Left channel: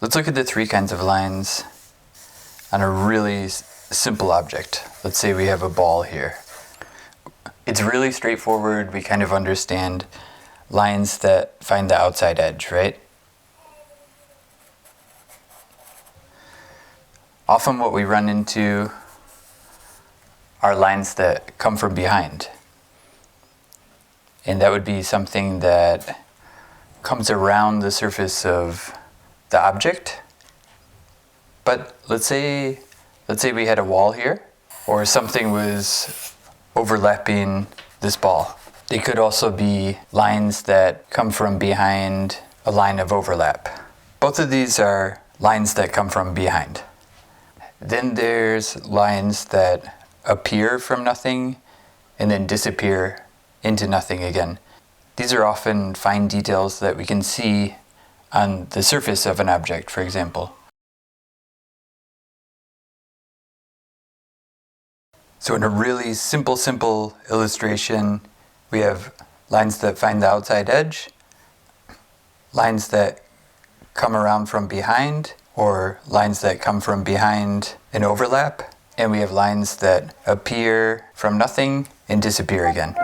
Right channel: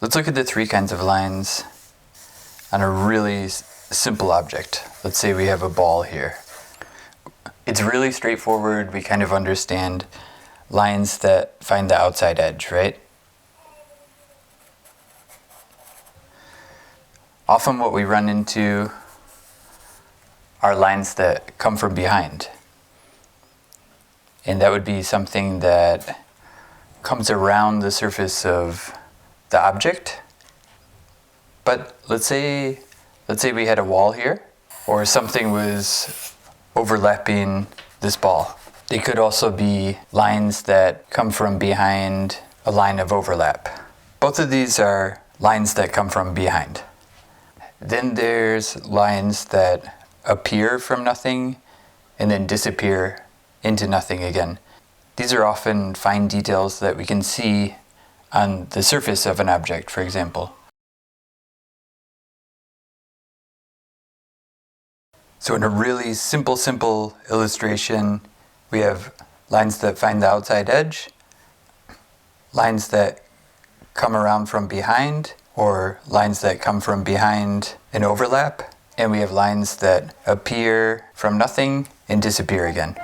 Let's look at the three kinds of lines on a really simple object. Let's say we have a ball here. It's really straightforward. We kind of understand lines that find the outside edge, right? Often what we run into are lines that come from behind. And that would be something that comes around the surface of the object. But let's say we had a wall here, or something was overlapping this ball. They could also be lines that come from behind a line of overlap. Both of these are lines that come from behind. Then there's lines that appear from nothing and then disappear into nothing again. These are often fine details that we can see on the surface of an object, for example. So in a really simple illustration, we have lines that find the outside edge, lines that come around from behind, or lines that come from behind and overlap, and we have lines that appear from nothing and disappear again.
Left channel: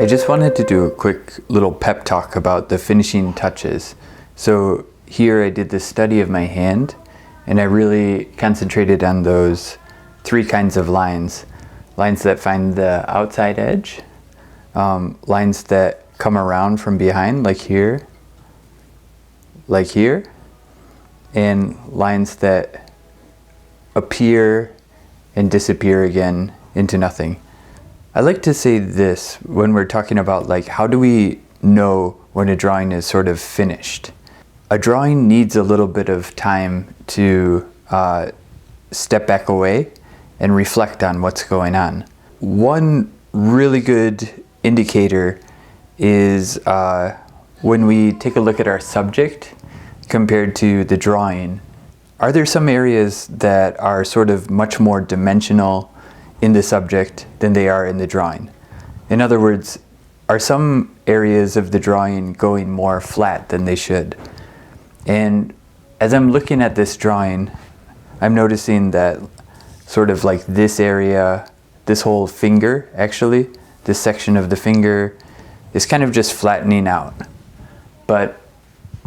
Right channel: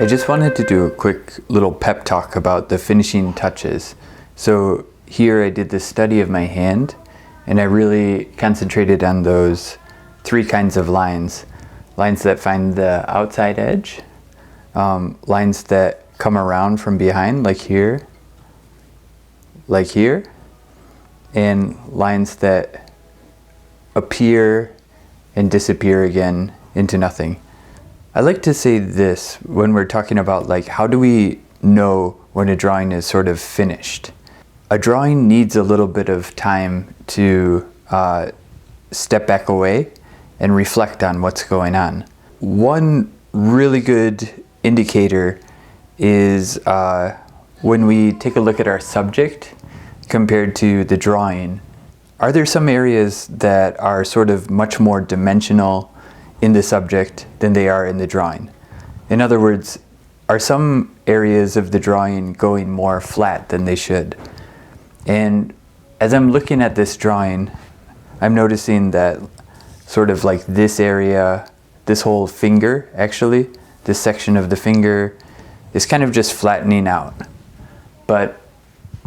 I just wanted to do a quick little pep talk about the finishing touches. So here I did the study of my hand, and I really concentrated on those three kinds of lines. Lines that find the outside edge, lines that come around from behind, like here, and lines that appear and disappear again into nothing. I like to say this when we're talking about like how do we know when a drawing is sort of finished. A drawing needs a little bit of time to step back away and reflect on what's going on. One really good indicator is when we take a look at our subject compared to the drawing. Are there some areas that are sort of much more dimensional in the subject than they are in the drawing? In other words, are some areas of the drawing going more flat than they should? And as I'm looking at this drawing, I'm noticing that sort of like this area, this whole finger actually, this section of the finger is kind of just flattening out. But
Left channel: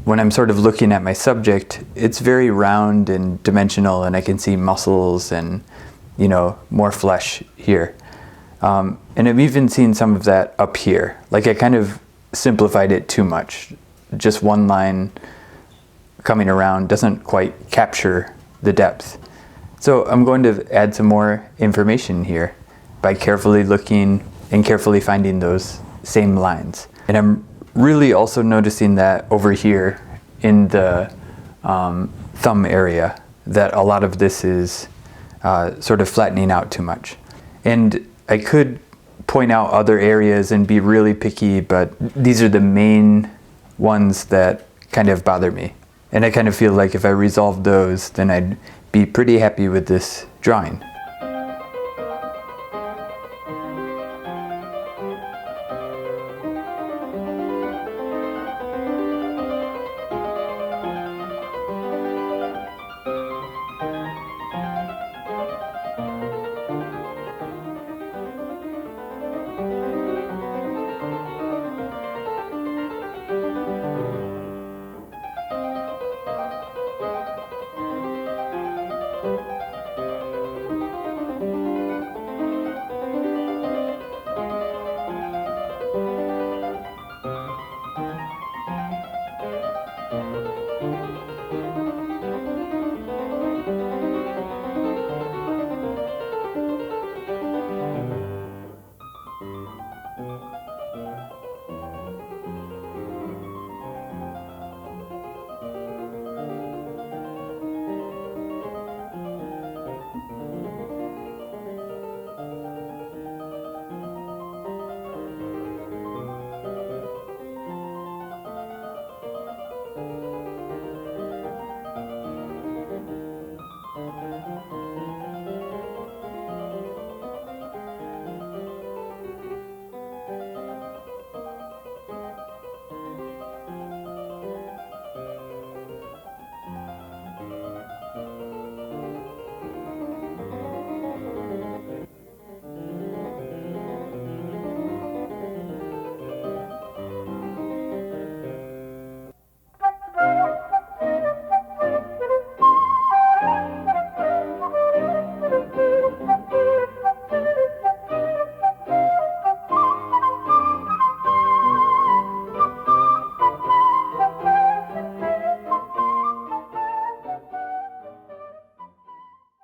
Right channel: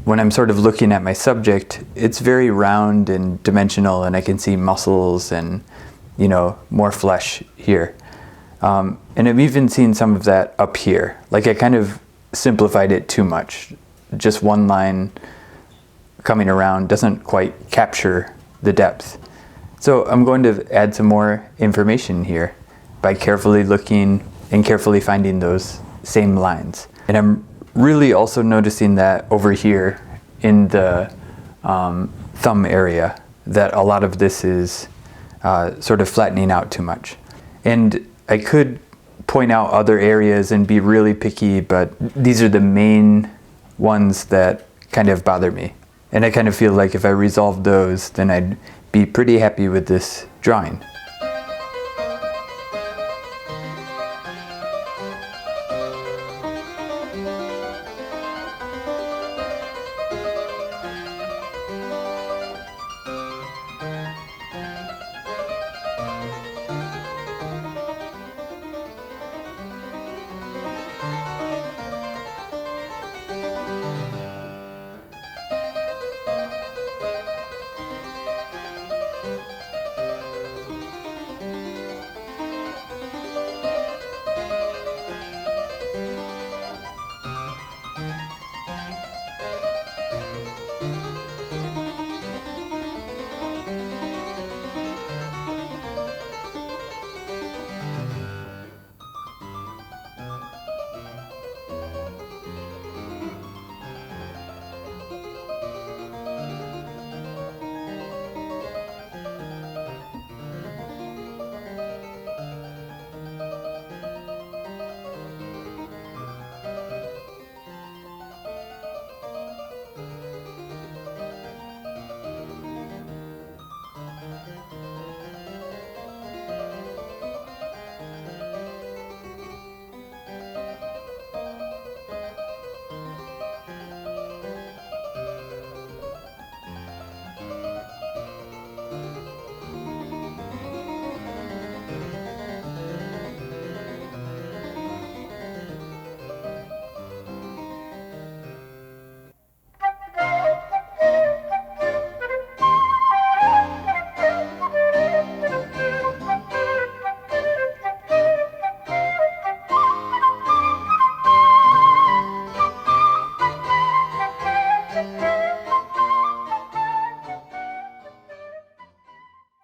when I'm sort of looking at my subject, it's very round and dimensional, and I can see muscles and, you know, more flesh here. And I've even seen some of that up here. Like I kind of simplified it too much. Just one line coming around doesn't quite capture the depth. So I'm going to add some more information here by carefully looking and carefully finding those same lines. And I'm really also noticing that over here in the thumb area, that a lot of this is sort of flattening out too much. And I could point out other areas and be really picky, but these are the main ones that kind of bother me. And I kind of feel like if I resolved those, then I'd be pretty happy with this drawing.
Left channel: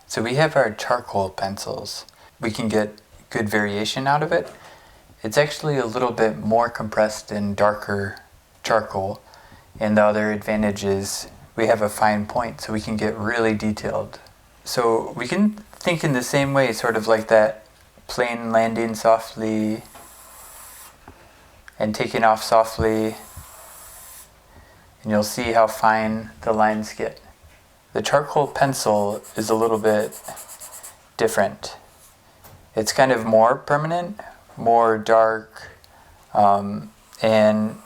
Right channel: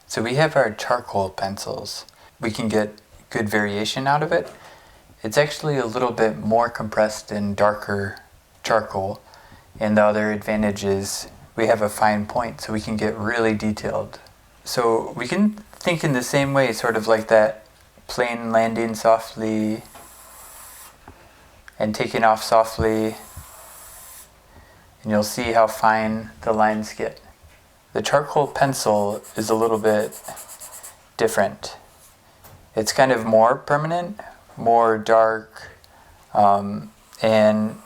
So we have our charcoal pencils. We can get good variation out of it. It's actually a little bit more compressed and darker charcoal. And the other advantage is we have a fine point, so we can get really detailed. So we can think in the same way, sort of like that plane landing softly and taking off softly. And you'll see how fine the lines get. The charcoal pencil is a little bit different. It's kind of more permanent, more dark, and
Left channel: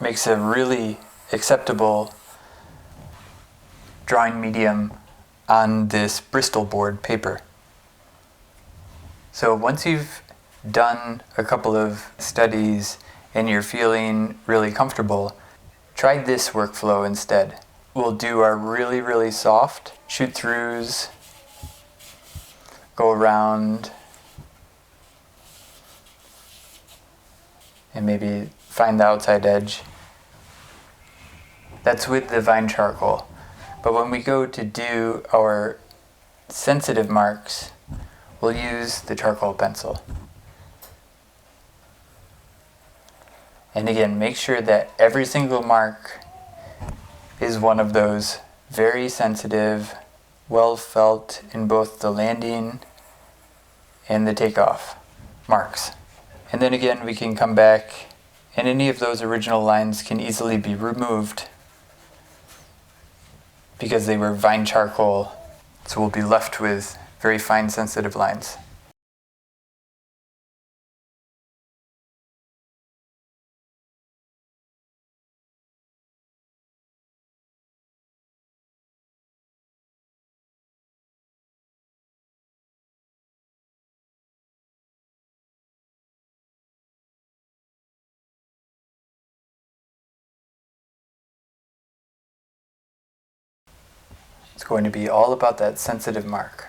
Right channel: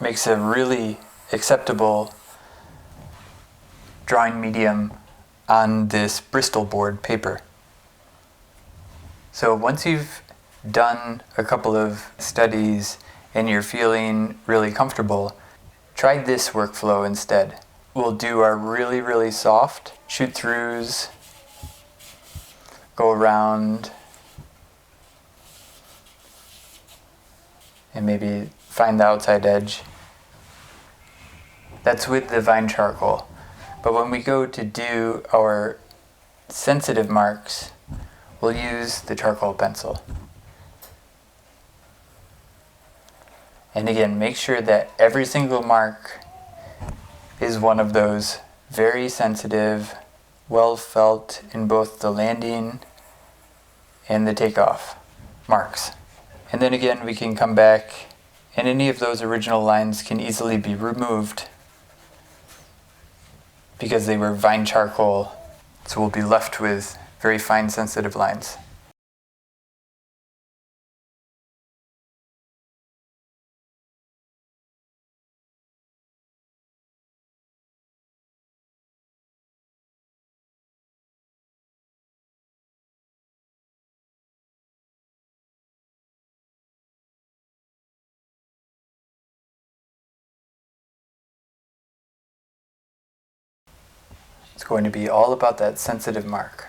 makes a really acceptable drawing medium on this Bristol board paper. So once you've done a couple of studies and you're feeling really comfortable, try this workflow instead. We'll do our really, really soft shoot throughs, go around, and maybe find the outside edge. That's with the vine charcoal. But when we go to do our sensitive marks, we'll use the charcoal pencil. And again, make sure that every single mark is one of those very sensitive, well felt in both the landing and the takeoff marks. And then again, we can come back and any of those original lines can easily be removed because they were vine charcoal. So we'll be left with very fine sensitive lines. It's going to be all about that sensitive mark.